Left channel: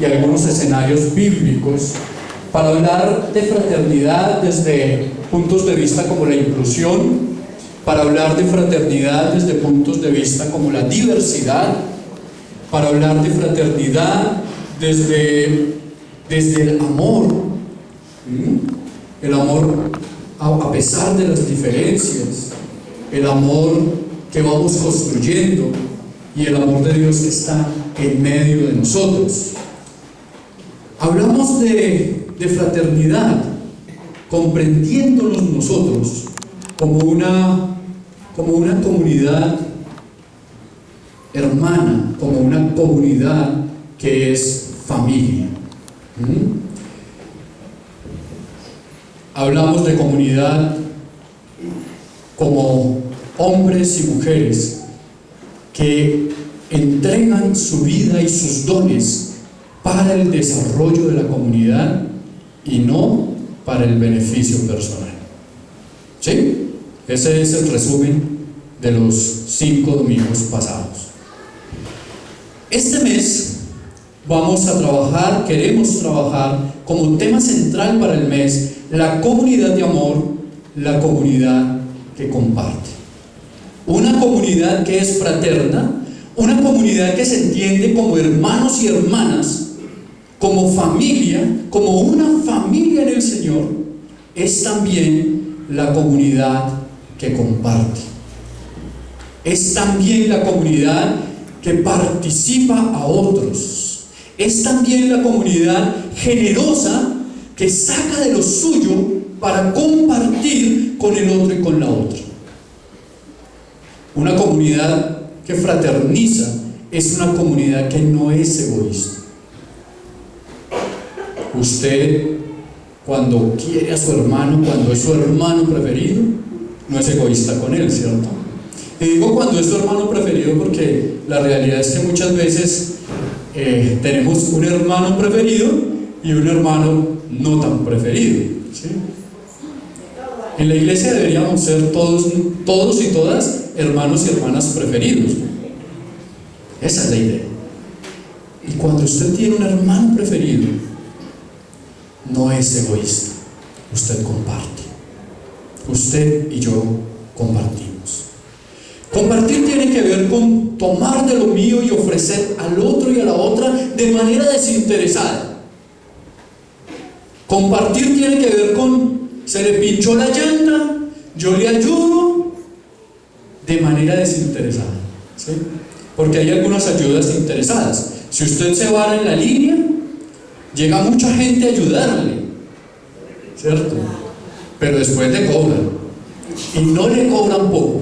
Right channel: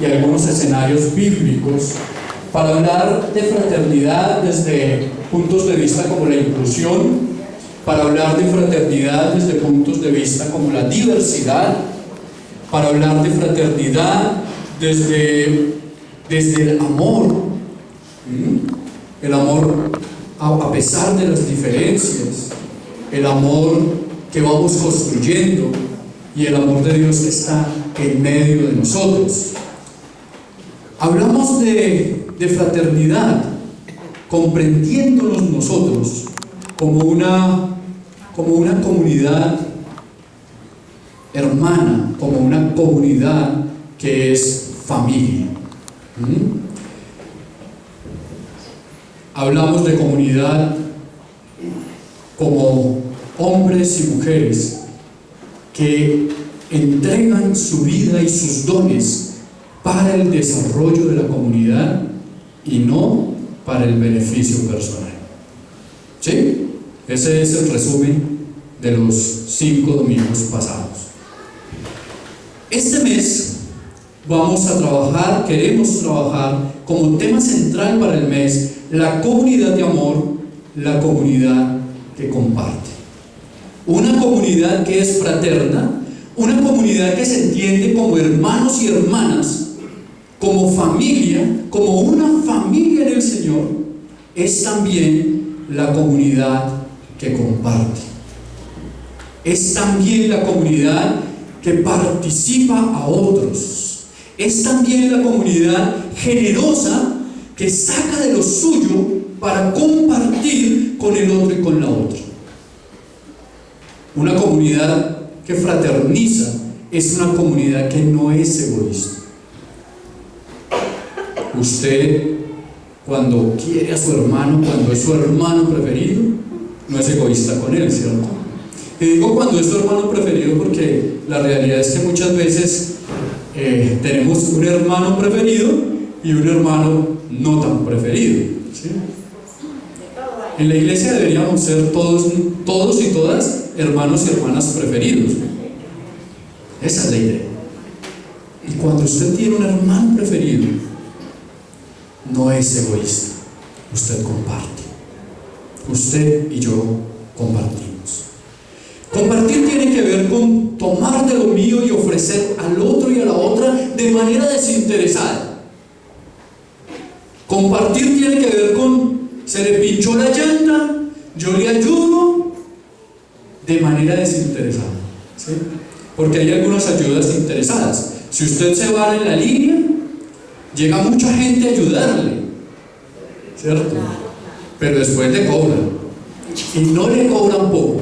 y algunos escenarios bíblicos para hablar de fraternidad desde puntos de vista como la inclusión, para hablar de fraternidad desde puntos de vista como la diversidad, para hablar de fraternidad desde el amor, el amor a pesar de las diferencias, el amor que vamos construyendo y el amor de Dios que está en medio de nosotros. Hablamos de fraternidad, comprendiéndonos nosotros como una comunidad hermana, como una comunidad que es familia. Hablamos de comunidad como hombres y mujeres que entregan su vida y sus dones para el desarrollo de la comunidad y no para el beneficio personal. ¿Sí? Ese es el resumen de los 5 domingos pasados. Este mes vamos a trabajar, queremos trabajar como tema central para el mes la comunidad de amor, la comunidad que comparte. Una comunidad que es fraterna, una comunidad que se entiende como hermanos y hermanas, como familia, como una familia en el Señor, es también la comunidad que comparte. Es también la comunidad que participa a otros. Es también la comunidad generosa que saca de lo suyo para compartir con el otro y con la otra. Una comunidad que fraterniza es una comunidad que no es egoísta. Usted, cuando quiere a su hermano, cuando es su hermano preferido, no es egoísta con él, ¿cierto? Y digo cuando es su hermano preferido porque la realidad es que muchas veces tenemos un hermano preferido y un hermano no tan preferido, ¿sí? En la iglesia deberíamos ser todos y todas hermanos y hermanas preferidos. Esa es la idea. Y cuando usted tiene un hermano preferido, no es egoísta, usted comparte. Usted y yo compartimos. Compartir tiene que ver con tomar de lo mío y ofrecer al otro y a la otra de manera desinteresada. Compartir tiene que ver con se le pinchó la llanta, yo le ayudo de manera desinteresada, ¿sí? Porque hay algunas ayudas interesadas. Si usted se va en la línea, llega mucha gente a ayudarle, ¿cierto? Pero después le cobran, y no le cobran poco,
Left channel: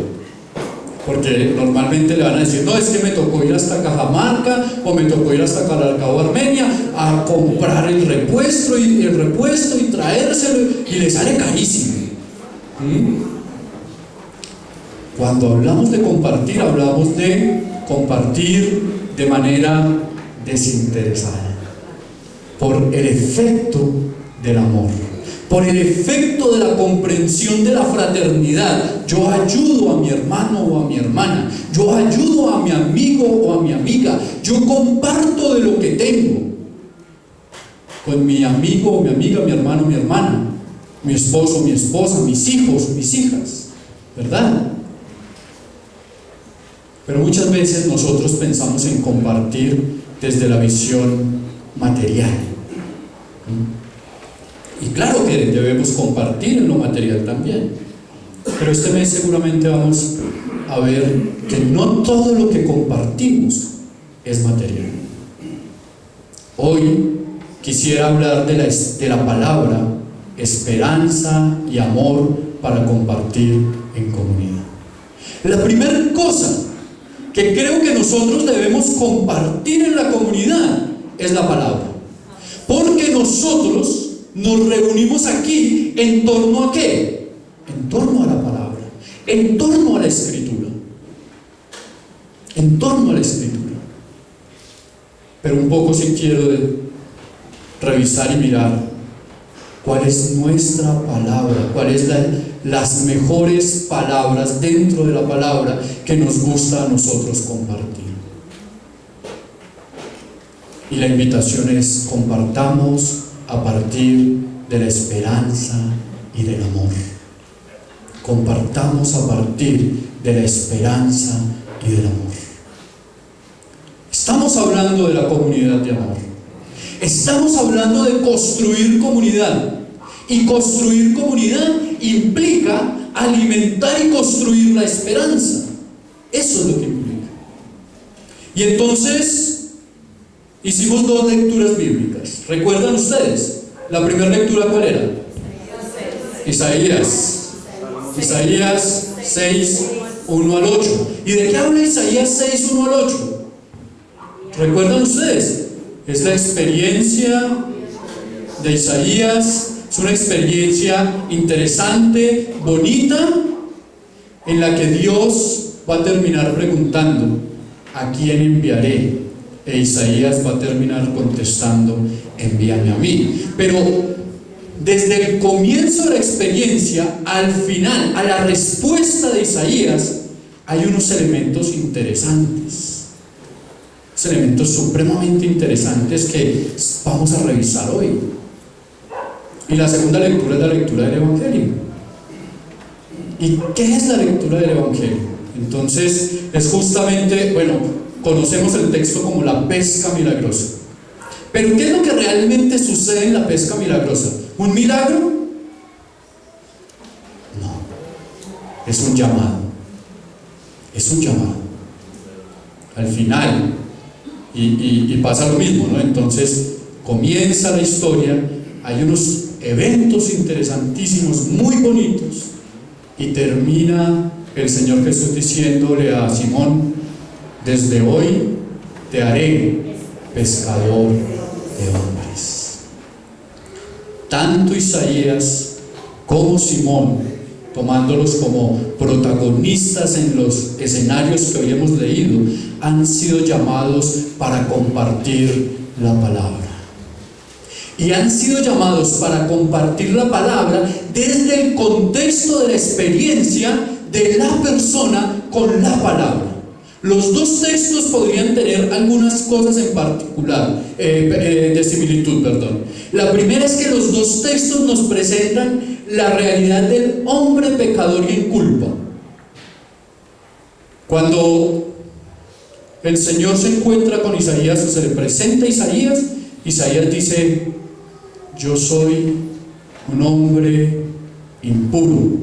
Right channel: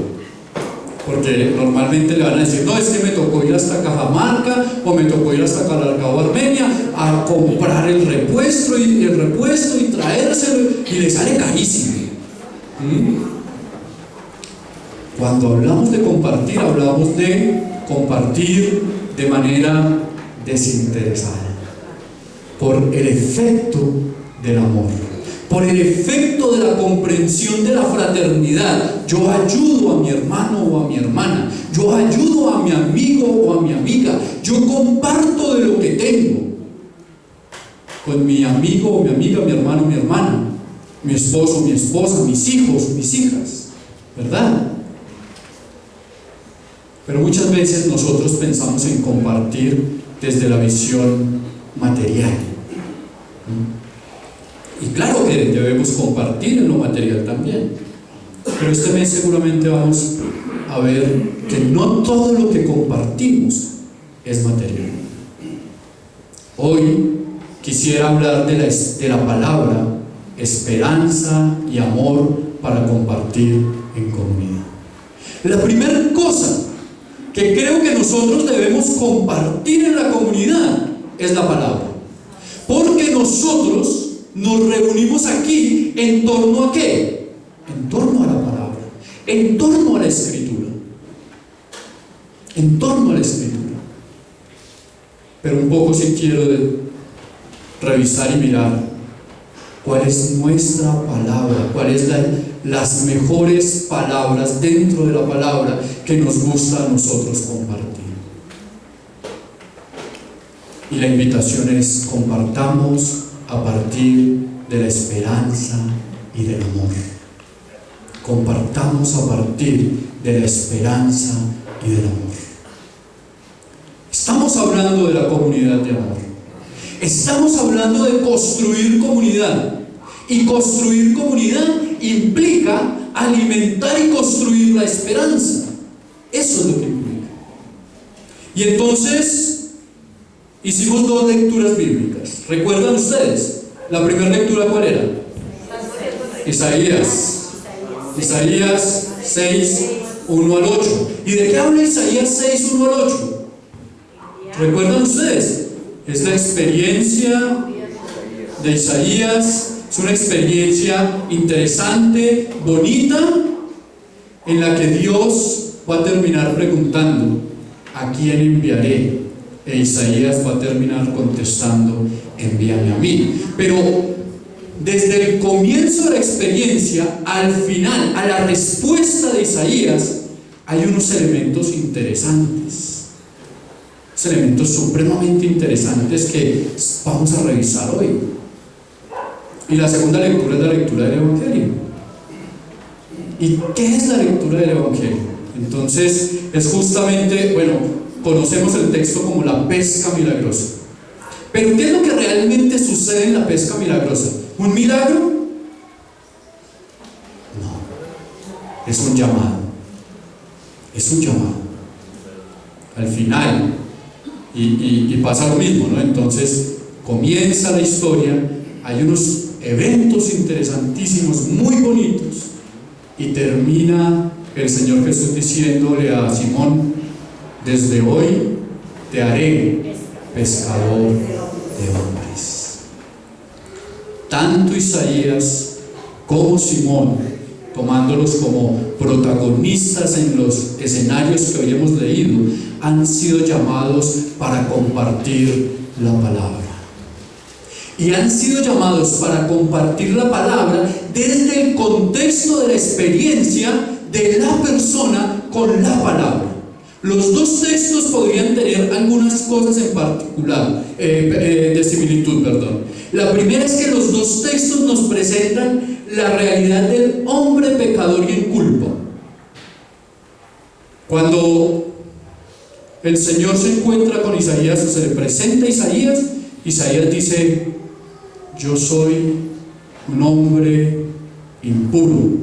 porque normalmente le van a decir, no, es que me tocó ir hasta Cajamarca o me tocó ir hasta Calarcao, Armenia a comprar el repuesto y traérselo, y le sale carísimo. Cuando hablamos de compartir, hablamos de compartir de manera desinteresada, por el efecto del amor, por el efecto de la comprensión de la fraternidad. Yo ayudo a mi hermano o a mi hermana, yo ayudo a mi amigo o a mi amiga, yo comparto de lo que tengo con mi amigo o mi amiga, mi hermano o mi hermana, mi esposo, mi esposa, mis hijos, mis hijas, ¿verdad? Pero muchas veces nosotros pensamos en compartir desde la visión material. Y claro que debemos compartir en lo material también, pero este mes seguramente vamos a ver que no todo lo que compartimos es material. Hoy quisiera hablar de la palabra esperanza y amor para compartir en comunidad. La primera cosa que creo que nosotros debemos compartir en la comunidad es la palabra, porque nosotros nos reunimos aquí ¿en torno a qué? En torno a la palabra, en torno a la escritura, en torno a la escritura. Pero un poco sí quiero revisar y mirar cuál es nuestra palabra, cuáles las mejores palabras dentro de la palabra que nos gusta a nosotros compartir. Y la invitación es: compartamos a partir de la esperanza y del amor. Compartamos a partir de la esperanza y del amor. Estamos hablando de la comunidad de amor. Estamos hablando de construir comunidad. Y construir comunidad implica alimentar y construir la esperanza. Eso es lo que implica. Y entonces hicimos 2 lecturas bíblicas. ¿Recuerdan ustedes? La primera lectura, ¿cuál era? Isaías 6, 1 al 8. ¿Y de qué habla Isaías 6, 1 al 8? ¿Recuerdan ustedes? Es la experiencia de Isaías. Es una experiencia interesante, bonita, en la que Dios va a terminar preguntando: ¿a quién enviaré? E Isaías va a terminar contestando: envíame a mí. Pero desde el comienzo de la experiencia al final, a la respuesta de Isaías, hay unos elementos interesantes, elementos supremamente interesantes que vamos a revisar hoy. Y la segunda lectura es la lectura del Evangelio. ¿Y qué es la lectura del Evangelio? Entonces es justamente, bueno, conocemos el texto como la pesca milagrosa. Pero ¿qué es lo que realmente sucede en la pesca milagrosa? ¿Un milagro? No, es un llamado. Es un llamado. Al final, y pasa lo mismo, ¿no? Entonces comienza la historia, hay unos eventos interesantísimos, muy bonitos, y termina el Señor Jesús diciéndole a Simón: desde hoy te haré pescador de hombres. Tanto Isaías como Simón, tomándolos como protagonistas en los escenarios que hoy hemos leído, han sido llamados para compartir la palabra. Y han sido llamados para compartir la palabra desde el contexto de la experiencia de la persona con la palabra. Los 2 textos podrían tener algunas cosas en particular, de similitud, perdón. La primera es que los 2 textos nos presentan la realidad del hombre pecador y en culpa. Cuando el Señor se encuentra con Isaías, se le presenta a Isaías, Isaías dice: yo soy un hombre impuro,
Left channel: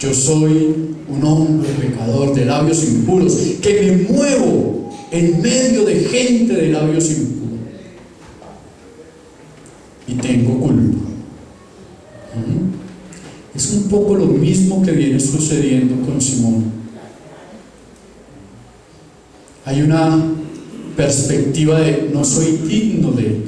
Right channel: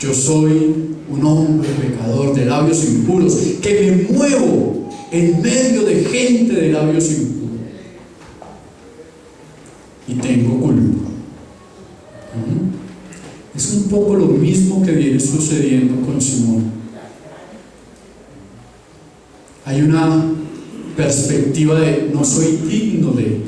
yo soy un hombre pecador de labios impuros, que me muevo en medio de gente de labios impuros y tengo culpa. Es un poco lo mismo que viene sucediendo con Simón. Hay una perspectiva de no soy digno de.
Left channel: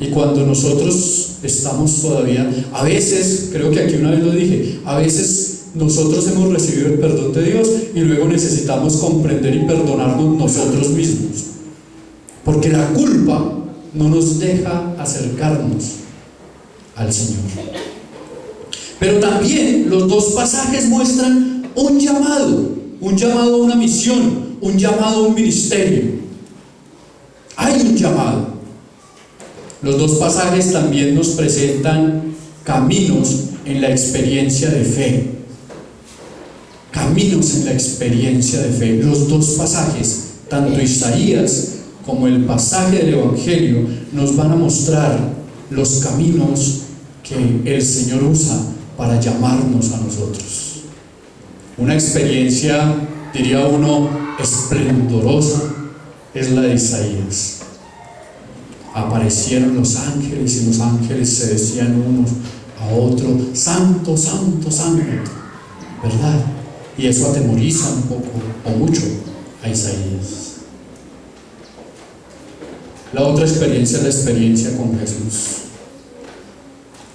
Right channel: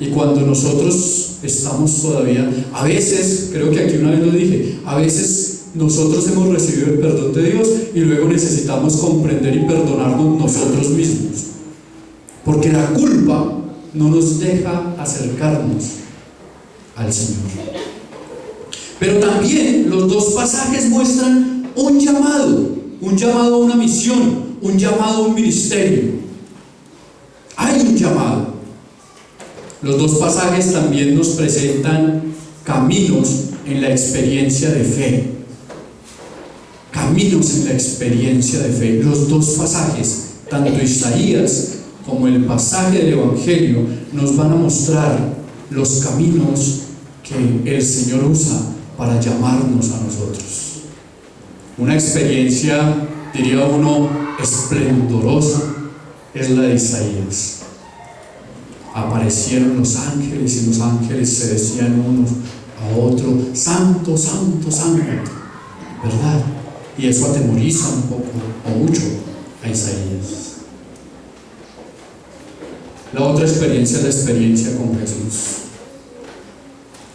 Y cuando nosotros estamos todavía, a veces, creo que aquí una vez lo dije, a veces nosotros hemos recibido el perdón de Dios y luego necesitamos comprender y perdonarnos nosotros mismos, porque la culpa no nos deja acercarnos al Señor. Pero también los 2 pasajes muestran un llamado a una misión, un llamado a un ministerio. Hay un llamado. Los 2 pasajes también nos presentan caminos en la experiencia de fe. Caminos en la experiencia de fe. Los 2 pasajes, tanto Isaías como el pasaje del Evangelio, nos van a mostrar los caminos que el Señor usa para llamarnos a nosotros. Una experiencia, diría uno, esplendorosa es la de Isaías. Aparecieron los ángeles y los ángeles se decían unos a otros: santo, santo, santo, ¿verdad? Y eso atemoriza un poco o mucho a Isaías. La otra experiencia es la experiencia con Jesús.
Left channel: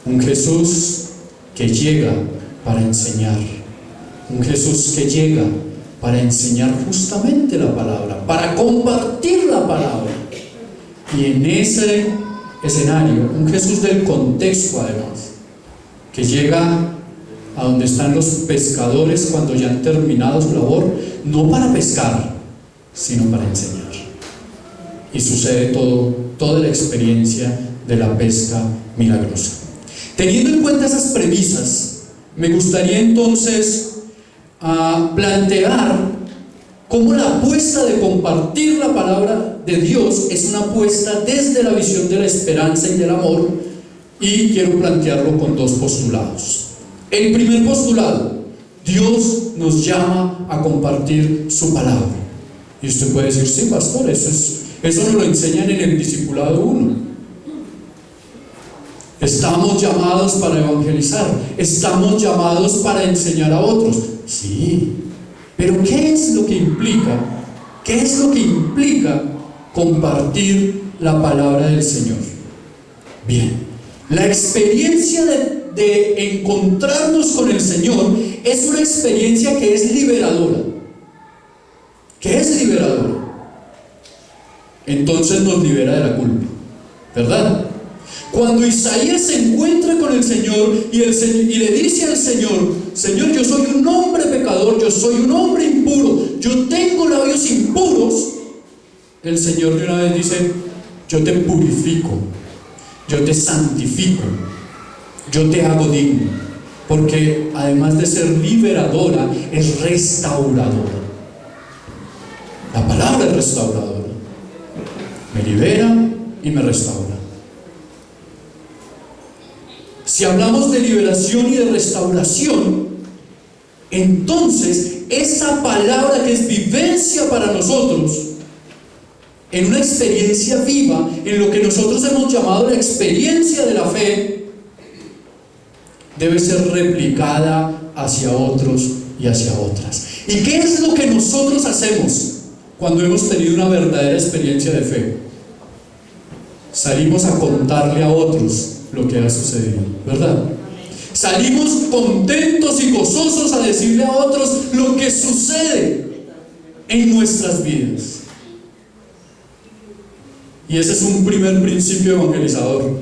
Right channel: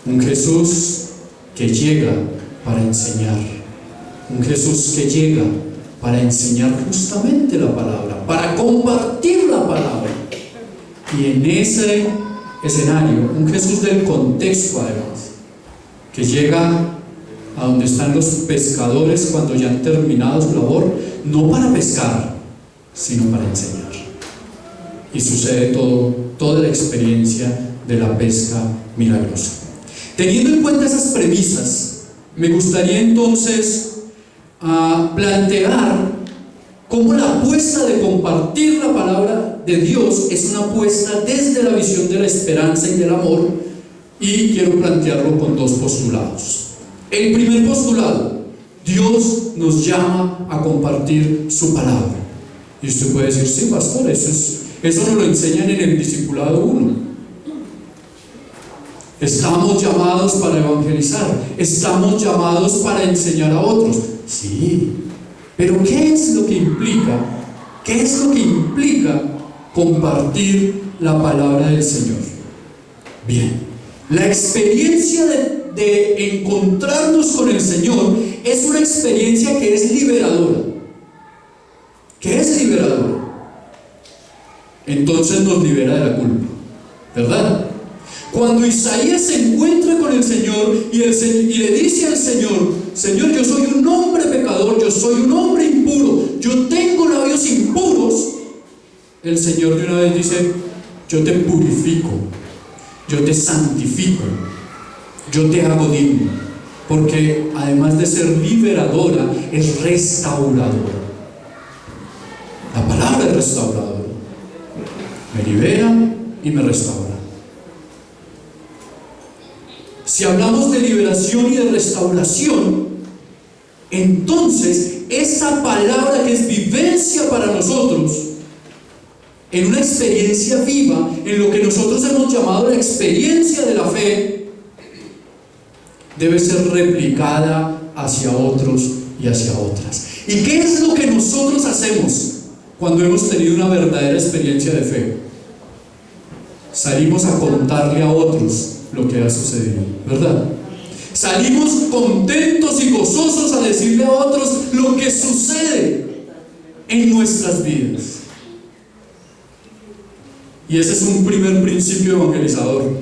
Un Jesús que llega para enseñar. Un Jesús que llega para enseñar justamente la palabra, para compartir la palabra. Y en ese escenario, un Jesús del contexto además, que llega a donde están los pescadores cuando ya han terminado su labor, no para pescar, sino para enseñar. Y sucede toda la experiencia de la pesca milagrosa. Teniendo en cuenta esas premisas, me gustaría entonces plantear cómo la apuesta de compartir la palabra de Dios es una apuesta desde la visión de la esperanza y del amor, y quiero plantearlo con dos postulados. El primer postulado: Dios nos llama a compartir su palabra. Y usted puede decir: sí, pastor, eso nos lo enseñan en el discipulado 1. Estamos llamados para evangelizar, estamos llamados para enseñar a otros. Sí, pero ¿qué es lo que implica? ¿Qué es lo que implica compartir la palabra del Señor? Bien, la experiencia de encontrarnos con el Señor es una experiencia que es liberadora. ¿Qué es liberadora? Entonces nos libera de la culpa, ¿verdad? Cuando Isaías se encuentra con el Señor y le dice al Señor: Señor, yo soy un hombre pecador, yo soy un hombre impuro, yo tengo labios impuros, el Señor de una vez dice: yo te purifico, yo te santifico, yo te hago digno, porque además de ser liberadora, es restauradora. La palabra es restauradora, me libera y me restaura. Si hablamos de liberación y de restauración, entonces esa palabra que es vivencia para nosotros, en una experiencia viva, en lo que nosotros hemos llamado la experiencia de la fe, debe ser replicada hacia otros y hacia otras. ¿Y qué es lo que nosotros hacemos cuando hemos tenido una verdadera experiencia de fe? Salimos a contarle a otros lo que ha sucedido, ¿verdad? Salimos contentos y gozosos a decirle a otros lo que sucede en nuestras vidas. Y ese es un primer principio evangelizador.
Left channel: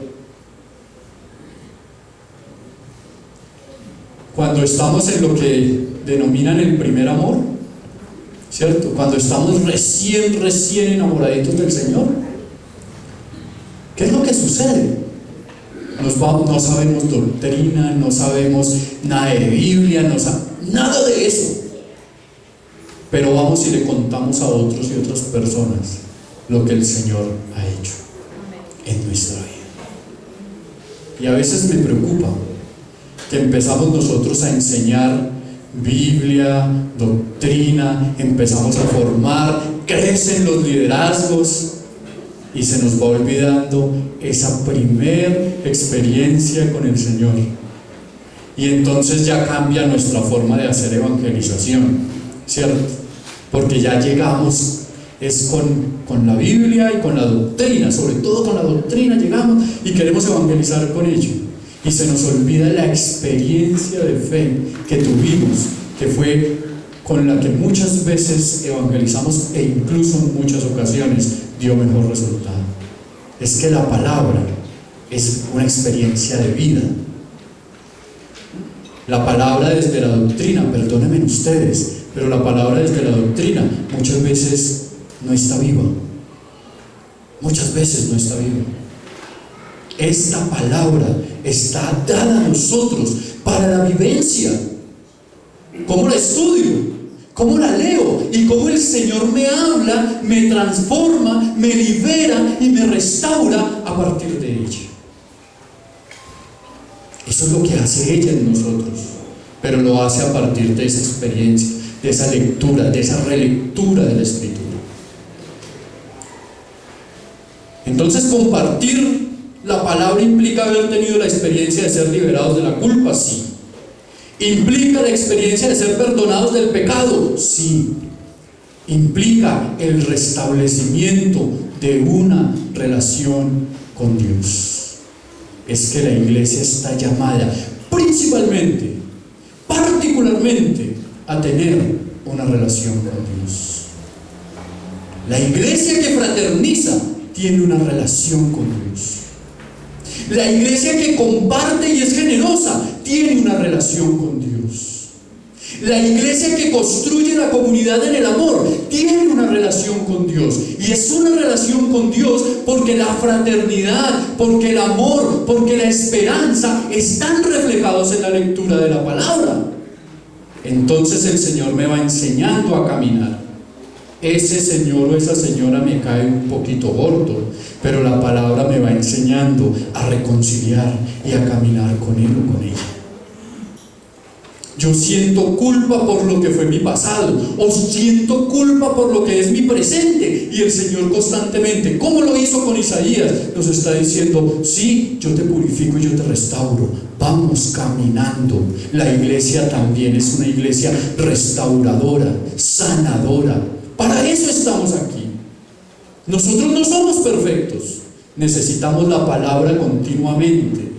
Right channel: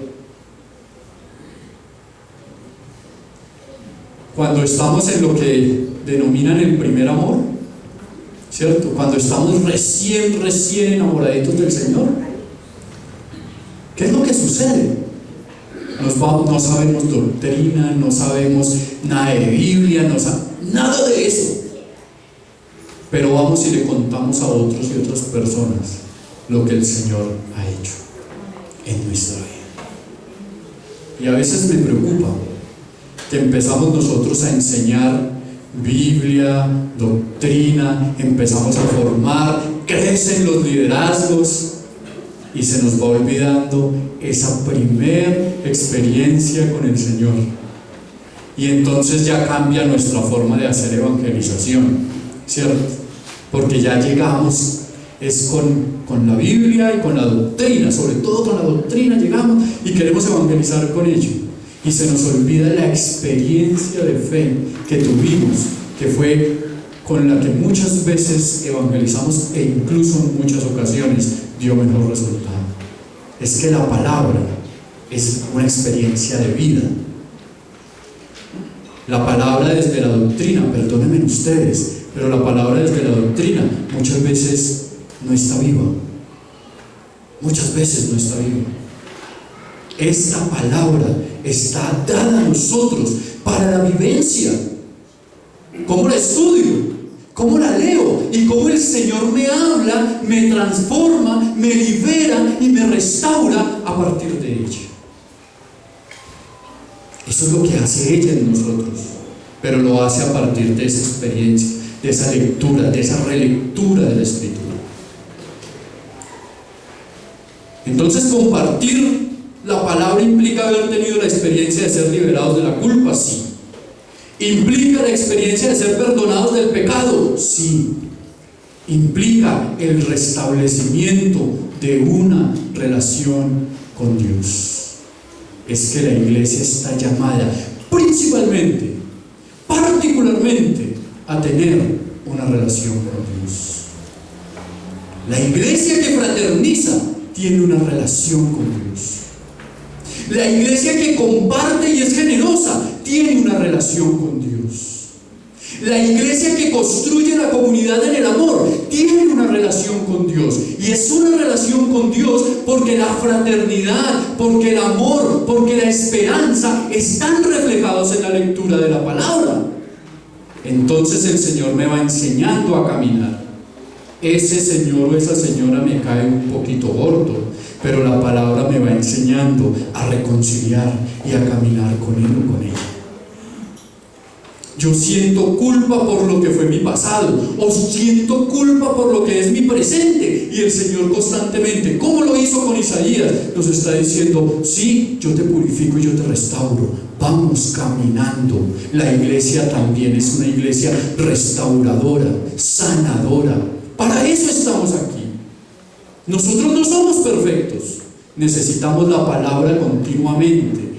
Cuando estamos en lo que denominan el primer amor, ¿cierto? Cuando estamos recién enamoraditos del Señor, ¿qué es lo que sucede? No sabemos doctrina, no sabemos nada de Biblia, nada de eso. Pero vamos y le contamos a otros y otras personas lo que el Señor ha hecho en nuestra vida. Y a veces me preocupa que empezamos nosotros a enseñar Biblia, doctrina, empezamos a formar, crecen los liderazgos, y se nos va olvidando esa primer experiencia con el Señor. Y entonces ya cambia nuestra forma de hacer evangelización, ¿cierto? Porque ya llegamos, es con la Biblia y con la doctrina, sobre todo con la doctrina llegamos y queremos evangelizar con ello. Y se nos olvida la experiencia de fe que tuvimos, que fue con la que muchas veces evangelizamos e incluso en muchas ocasiones dio mejor resultado. Es que la palabra es una experiencia de vida. La palabra desde la doctrina, perdónenme ustedes, pero la palabra desde la doctrina muchas veces no está viva. Muchas veces no está viva. Esta palabra está dada a nosotros para la vivencia. ¿Cómo la estudio? ¿Cómo la leo? Y cómo el Señor me habla, me transforma, me libera y me restaura a partir de ella. Eso es lo que hace ella en nosotros, pero lo hace a partir de esa experiencia, de esa lectura, de esa relectura de la Escritura. Entonces, compartir la palabra implica haber tenido la experiencia de ser liberados de la culpa, sí. ¿Implica la experiencia de ser perdonados del pecado? Sí. Implica el restablecimiento de una relación con Dios. Es que la Iglesia está llamada principalmente, particularmente, a tener una relación con Dios. La Iglesia que fraterniza tiene una relación con Dios. La Iglesia que comparte y es generosa tiene una relación con Dios. La iglesia que construye la comunidad en el amor tiene una relación con Dios, y es una relación con Dios porque la fraternidad, porque el amor, porque la esperanza están reflejados en la lectura de la palabra. Entonces el Señor me va enseñando a caminar. Ese señor o esa señora me cae un poquito gordo, pero la palabra me va enseñando a reconciliar y a caminar con él o con ella. Yo siento culpa por lo que fue mi pasado, o siento culpa por lo que es mi presente, y el Señor constantemente, como lo hizo con Isaías, nos está diciendo: sí, yo te purifico y yo te restauro. Vamos caminando. La iglesia también es una iglesia restauradora, sanadora. Para eso estamos aquí. Nosotros no somos perfectos, necesitamos la palabra continuamente,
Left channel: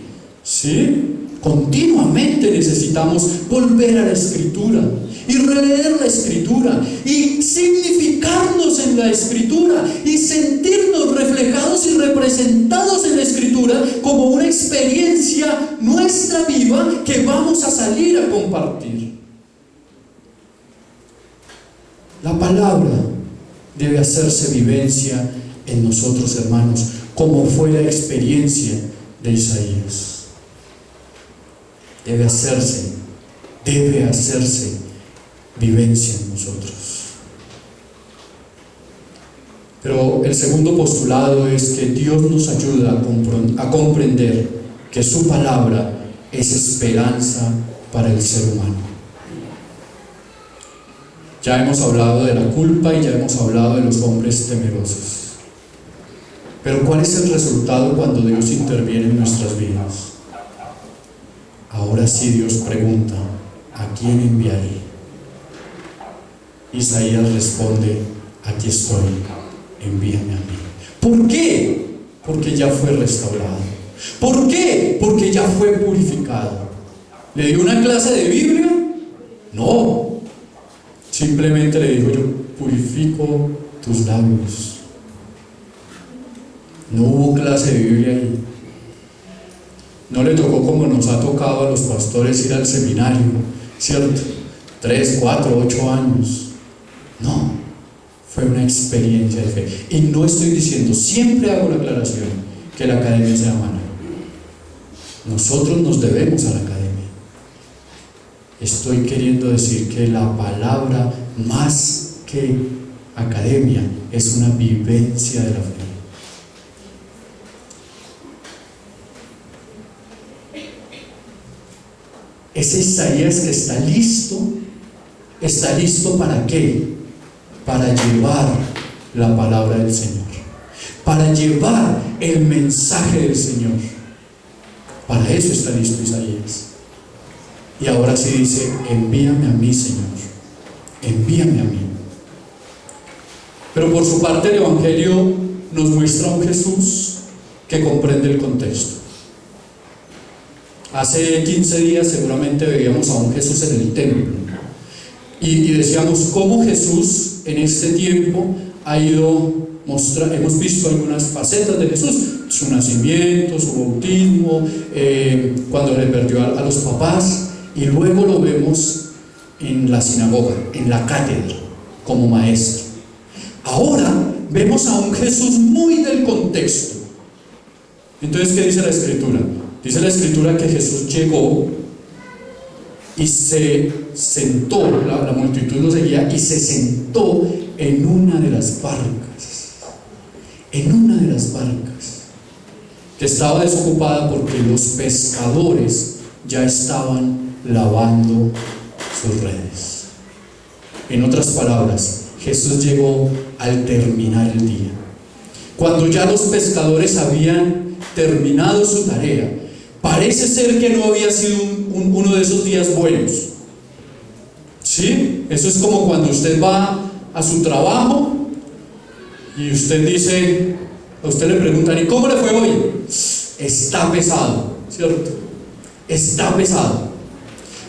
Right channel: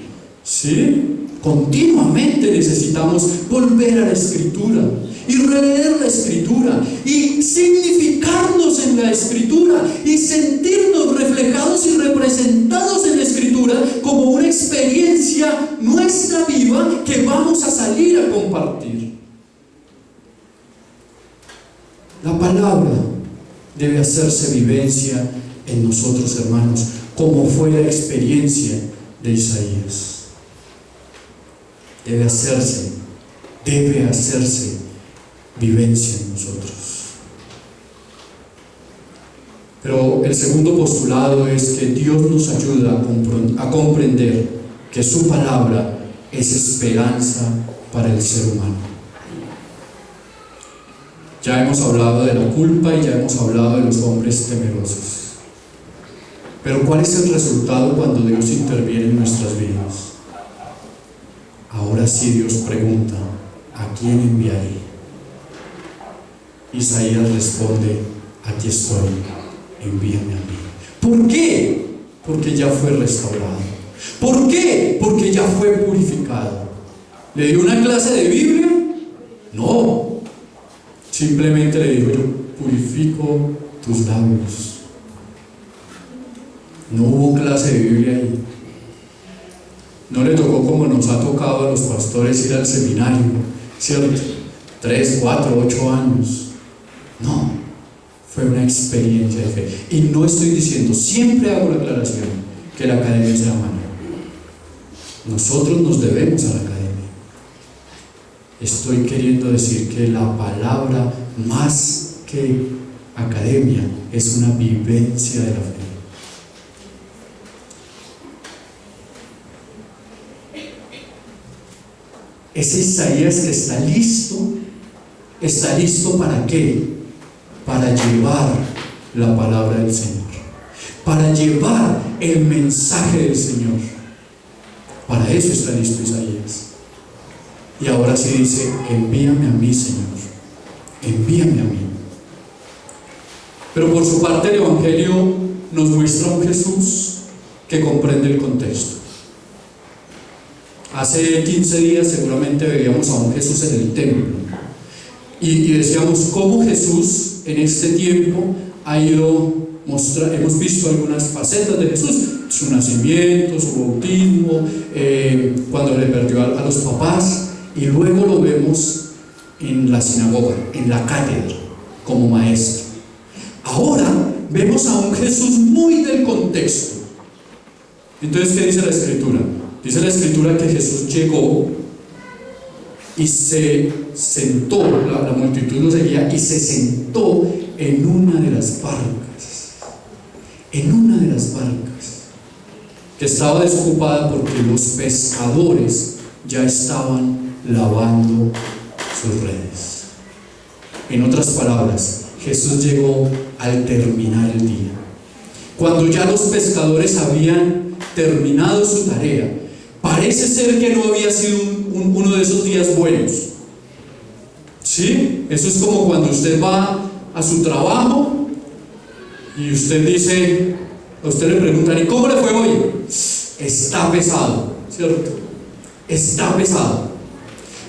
¿sí? Continuamente necesitamos volver a la Escritura y releer la Escritura y significarnos en la Escritura y sentirnos reflejados y representados en la Escritura como una experiencia nuestra viva que vamos a salir a compartir. La palabra debe hacerse vivencia en nosotros, hermanos, como fue la experiencia de Isaías. Debe hacerse vivencia en nosotros. Pero el segundo postulado es que Dios nos ayuda a comprender que su palabra es esperanza para el ser humano. Ya hemos hablado de la culpa y ya hemos hablado de los hombres temerosos. Pero ¿cuál es el resultado cuando Dios interviene en nuestras vidas? Ahora sí Dios pregunta: ¿a quién enviaré? Isaías responde: aquí estoy, envíame a mí. ¿Por qué? Porque ya fue restaurado. ¿Por qué? Porque ya fue purificado. ¿Le dio una clase de Biblia? No. Simplemente le dijo: yo purifico tus labios. No hubo clase de Biblia ahí. No le tocó como nos ha tocado a los pastores ir al seminario, ¿cierto? 3, 4, 8 años. No, fue una experiencia de fe. Y no estoy diciendo, siempre hago la aclaración, que la academia sea mala. Nosotros nos debemos a la academia. Estoy queriendo decir que la palabra, más que academia, es una vivencia de la fe. Ese Isaías que está listo ¿para qué? Para llevar la palabra del Señor, para llevar el mensaje del Señor. Para eso está listo Isaías. Y ahora sí dice: envíame a mí, Señor, envíame a mí. Pero por su parte el Evangelio nos muestra un Jesús que comprende el contexto. Hace 15 días seguramente veíamos a un Jesús en el templo y decíamos cómo Jesús en este tiempo ha ido mostrando. Hemos visto algunas facetas de Jesús: su nacimiento, su bautismo, cuando le perdió a los papás, y luego lo vemos en la sinagoga, en la cátedra, como maestro. Ahora vemos a un Jesús muy del contexto. Entonces, ¿qué dice la Escritura? Dice la Escritura que Jesús llegó y se sentó, la multitud lo seguía, y se sentó en una de las barcas, que estaba desocupada porque los pescadores ya estaban lavando sus redes. En otras palabras, Jesús llegó al terminar el día, cuando ya los pescadores habían terminado su tarea. Parece ser que no había sido uno de esos días buenos. ¿Sí? Eso es como cuando usted va a su trabajo y usted dice, a usted le preguntan: ¿y cómo le fue hoy? Está pesado, ¿cierto? Está pesado.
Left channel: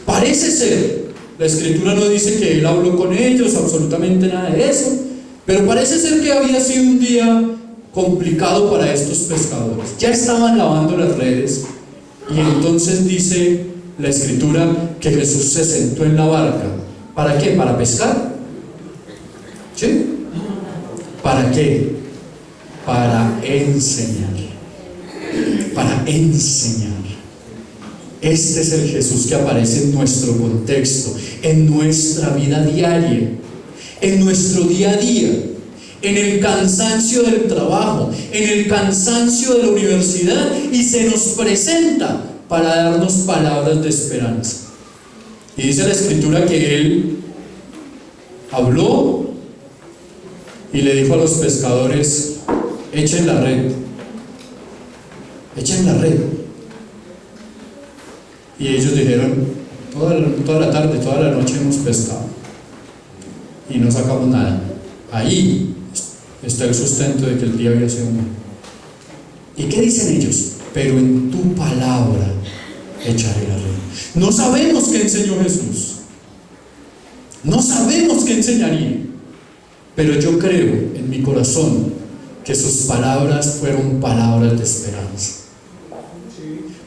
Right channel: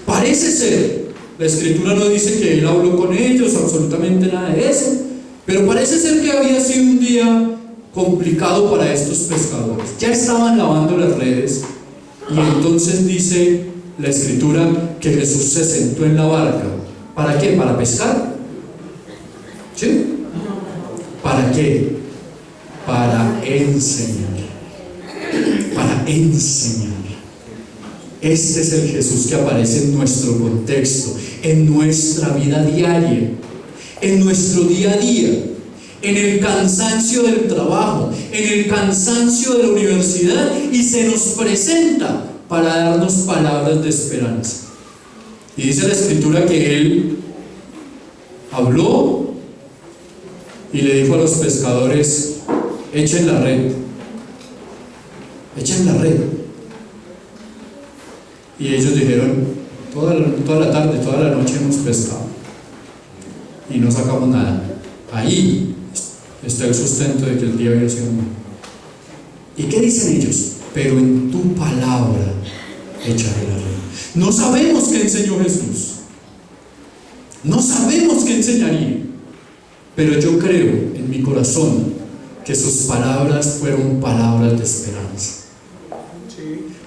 Parece ser, la Escritura no dice que él habló con ellos, absolutamente nada de eso, pero parece ser que había sido un día complicado para estos pescadores. Ya estaban lavando las redes. Y entonces dice la Escritura que Jesús se sentó en la barca ¿Para qué? ¿Para pescar? ¿Sí? ¿Para qué? Para enseñar. Para enseñar. Este es el Jesús que aparece en nuestro contexto, en nuestra vida diaria, en nuestro día a día, en el cansancio del trabajo, en el cansancio de la universidad, y se nos presenta para darnos palabras de esperanza. Y dice la Escritura que Él habló y le dijo a los pescadores: echen la red, echen la red. Y ellos dijeron: toda la tarde, toda la noche hemos pescado y no sacamos nada. Ahí está el sustento de que el día había sido malo. ¿Y qué dicen ellos? Pero en tu palabra echaré la red. No sabemos qué enseñó Jesús, no sabemos qué enseñaría, pero yo creo en mi corazón que sus palabras fueron palabras de esperanza.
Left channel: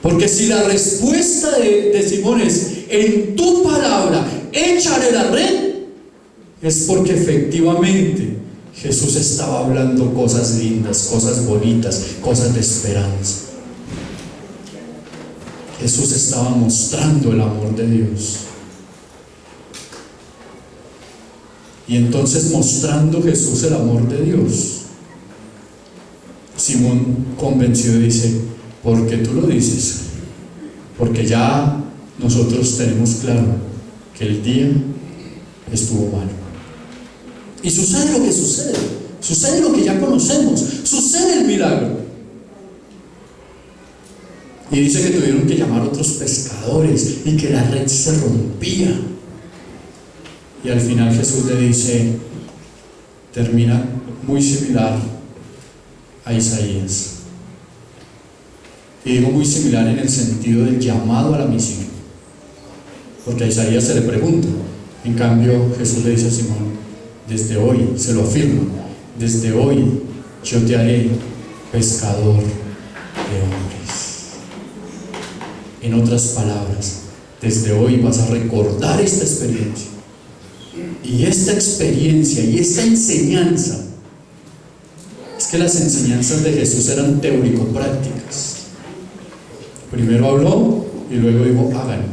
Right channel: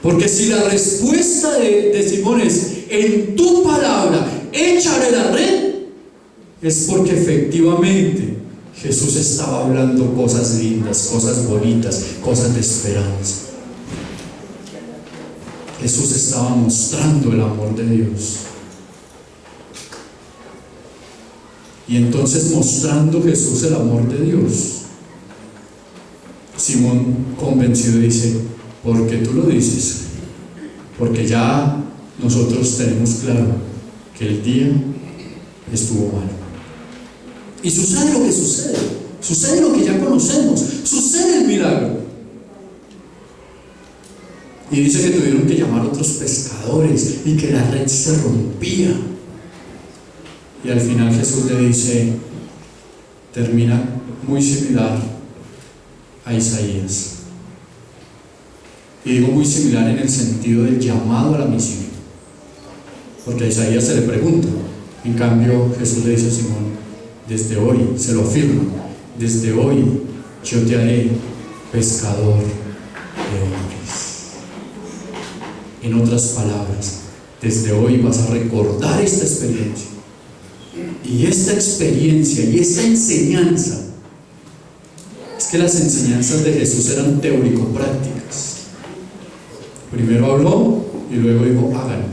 Porque si la respuesta de Simón es: en tu palabra echaré la red, es porque efectivamente Jesús estaba hablando cosas lindas, cosas bonitas, cosas de esperanza. Jesús estaba mostrando el amor de Dios. Y entonces, mostrando Jesús el amor de Dios, Simón, convencido, dice: porque tú lo dices, porque ya nosotros tenemos claro que el día estuvo malo. Y sucede lo que sucede, sucede lo que ya conocemos, sucede el milagro. Y dice que tuvieron que llamar a otros pescadores y que la red se rompía. Y al final Jesús le dice, termina muy similar a Isaías. Y digo muy similar en el sentido del llamado a la misión, porque a Isaías se le pregunta. En cambio Jesús le dice a Simón: desde hoy, se lo afirma, desde hoy yo te haré pescador de hombres. En otras palabras, desde hoy vas a recordar esta experiencia. Y esta experiencia y esta enseñanza, es que las enseñanzas de Jesús eran teórico-prácticas. Primero habló y luego dijo: hagan.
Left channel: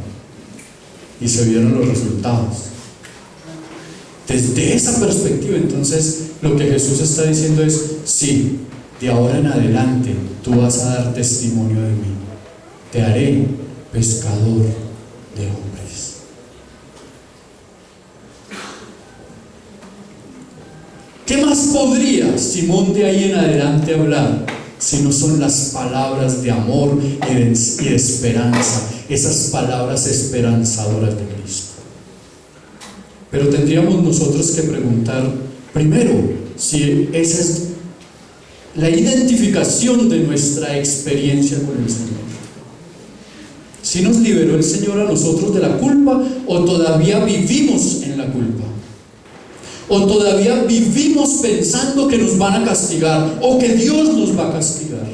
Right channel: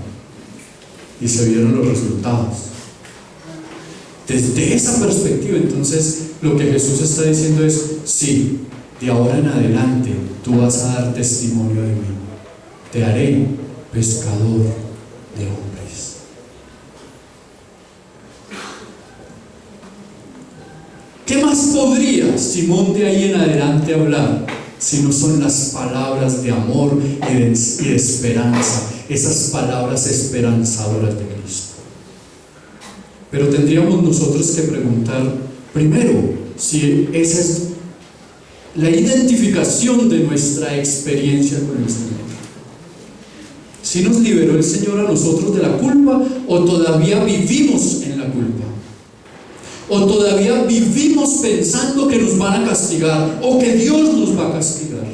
Y se vieron los resultados. Desde esa perspectiva, entonces, lo que Jesús está diciendo es: sí, de ahora en adelante tú vas a dar testimonio de mí. Te haré pescador de hombres. ¿Qué más podría Simón de ahí en adelante hablar si no son las palabras de amor y de esperanza, esas palabras esperanzadoras de Cristo? Pero tendríamos nosotros que preguntar primero si esa es la identificación de nuestra experiencia con el Señor. ¿Si nos liberó el Señor a nosotros de la culpa, o todavía vivimos en la culpa? ¿O todavía vivimos pensando que nos van a castigar o que Dios nos va a castigar?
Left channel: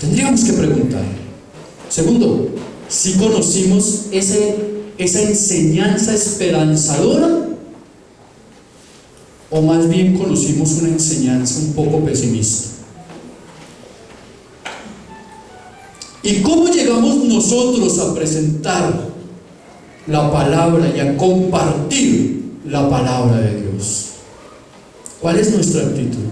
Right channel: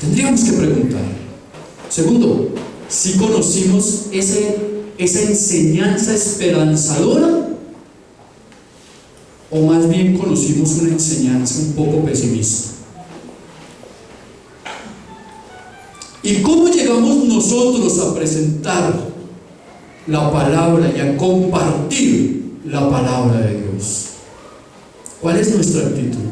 Tendríamos que preguntar. Segundo, si conocimos esa enseñanza esperanzadora, o más bien conocimos una enseñanza un poco pesimista. ¿Y cómo llegamos nosotros a presentar la palabra y a compartir la palabra de Dios? ¿Cuál es nuestra actitud?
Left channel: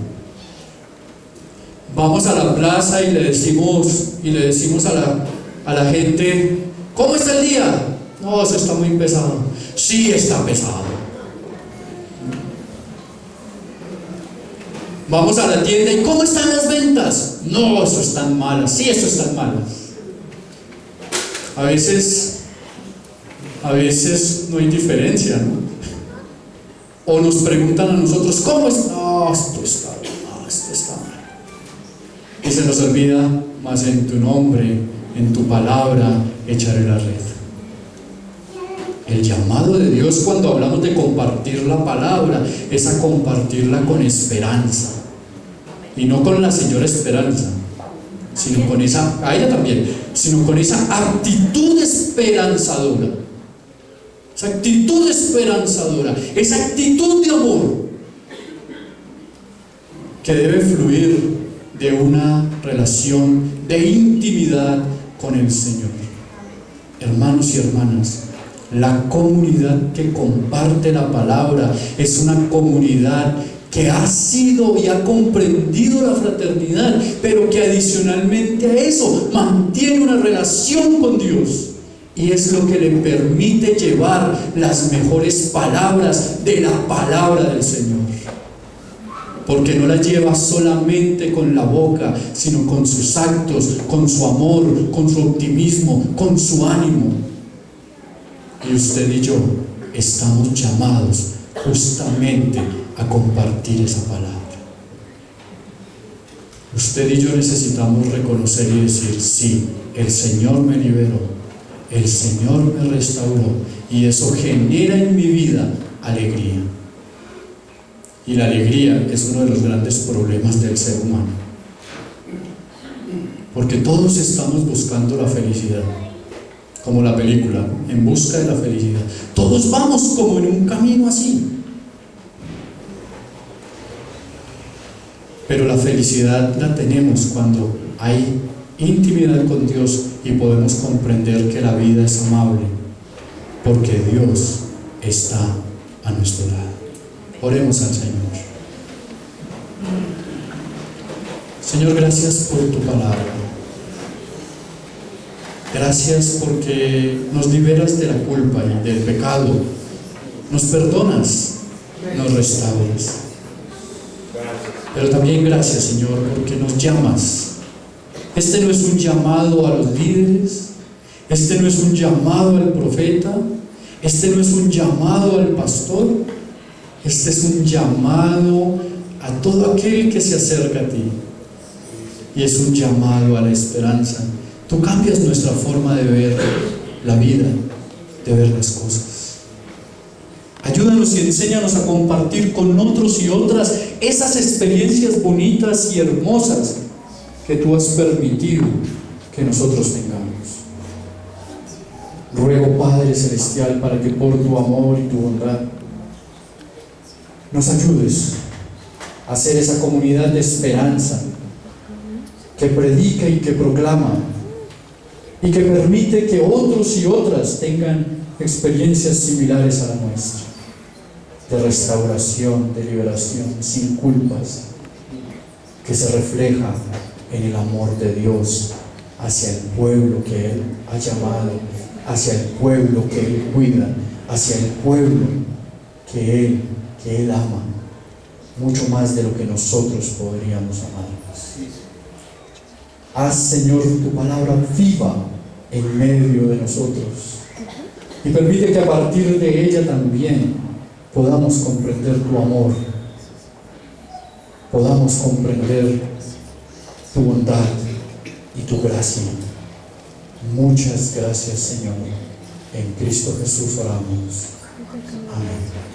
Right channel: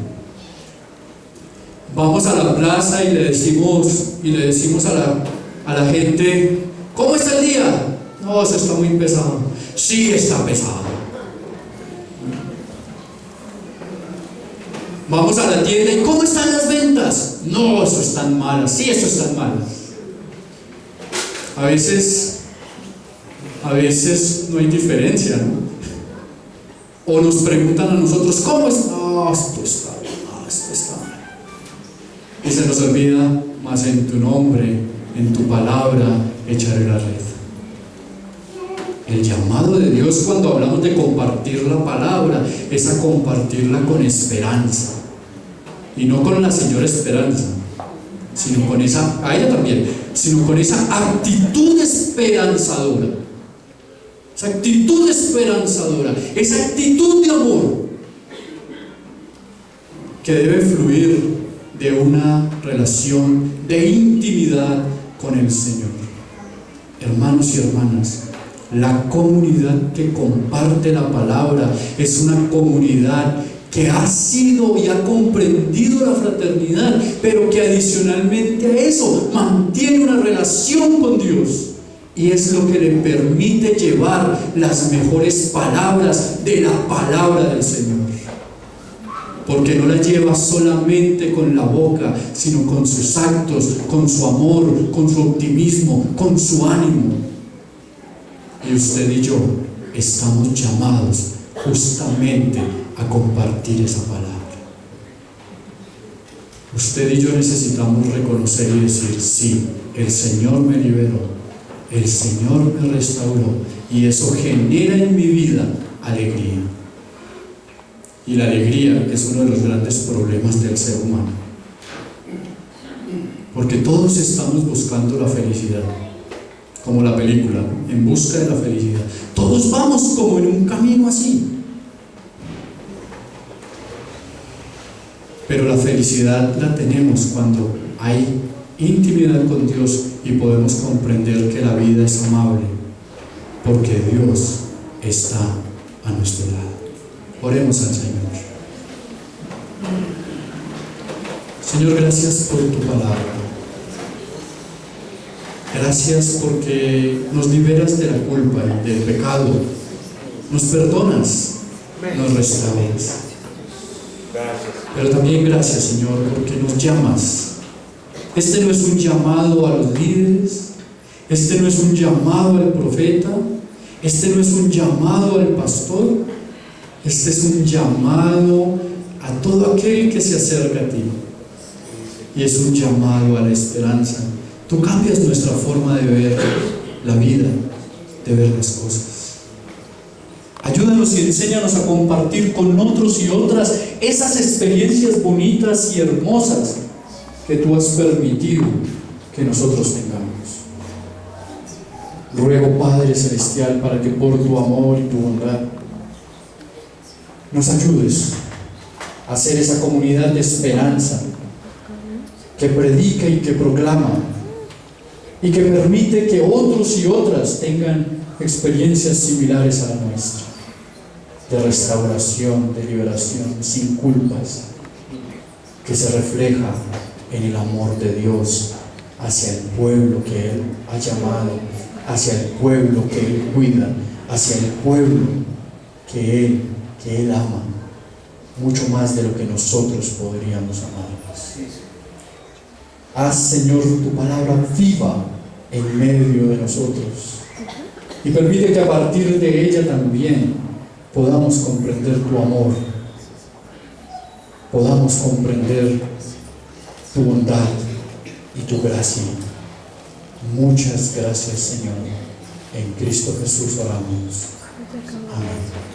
Vamos a la plaza y le decimos a la gente: ¿cómo está el día? No, eso está muy pesado. Sí, está pesado. Vamos a la tienda y ¿cómo están las ventas? No, eso están malas. Sí, eso están malas. A veces no hay diferencia, ¿no? O nos preguntan a nosotros: ¿cómo es? No, esto está bien, no, esto está mal. Y se nos olvida: más en tu nombre, en tu palabra, echaré la red. El llamado de Dios cuando hablamos de compartir la palabra es a compartirla con esperanza, y no con la señora Esperanza, sino con esa, a ella también, sino con esa actitud esperanzadora. esa actitud esperanzadora, esa actitud de amor que debe fluir de una relación de intimidad con el Señor. Hermanos y hermanas, la comunidad que comparte la palabra es una comunidad que ha sido y ha comprendido la fraternidad, pero que adicionalmente a eso mantiene una relación con Dios, y es lo que le permite llevar las mejores palabras de la palabra del Señor, porque no la lleva solamente con la boca, sino con sus actos, con su amor, con su optimismo, con su ánimo. Y usted y yo estamos llamados justamente a compartir esa palabra. Usted y yo necesitamos reconocer y decir: sí, el Señor me liberó, el Señor me restauró, y eso genera en mi vida alegría. Y la alegría es uno de los grandes problemas del ser humano, porque todos estamos buscando la felicidad, como la película En busca de la felicidad. Todos vamos como en un camino así, pero la felicidad la tenemos cuando hay intimidad con Dios y podemos comprender que la vida es amable, porque Dios está a nuestro lado. Oremos al Señor. Señor, gracias por tu palabra. Gracias porque nos liberas de la culpa y del pecado. Nos perdonas, nos restauras. Pero también gracias, Señor, porque nos llamas. Este no es un llamado a los líderes, este no es un llamado al profeta, este no es un llamado al pastor, este es un llamado a todo aquel que se acerca a ti, y es un llamado a la esperanza. Tú cambias nuestra forma de ver la vida, de ver las cosas. Ayúdanos y enséñanos a compartir con otros y otras esas experiencias bonitas y hermosas que tú has permitido que nosotros tengamos. Ruego, Padre Celestial, para que por tu amor y tu bondad nos ayudes a ser esa comunidad de esperanza que predica y que proclama y que permite que otros y otras tengan experiencias similares a la nuestra, de restauración, de liberación, sin culpas, que se refleja en el amor de Dios hacia el pueblo que Él ha llamado, hacia el pueblo que Él cuida, hacia el pueblo que Él ama, mucho más de lo que nosotros podríamos amar. Haz, Señor, tu palabra viva en medio de nosotros, y permite que a partir de ella también podamos comprender tu amor, podamos comprender tu bondad y tu gracia. Muchas gracias, Señor. En Cristo Jesús oramos. Amén.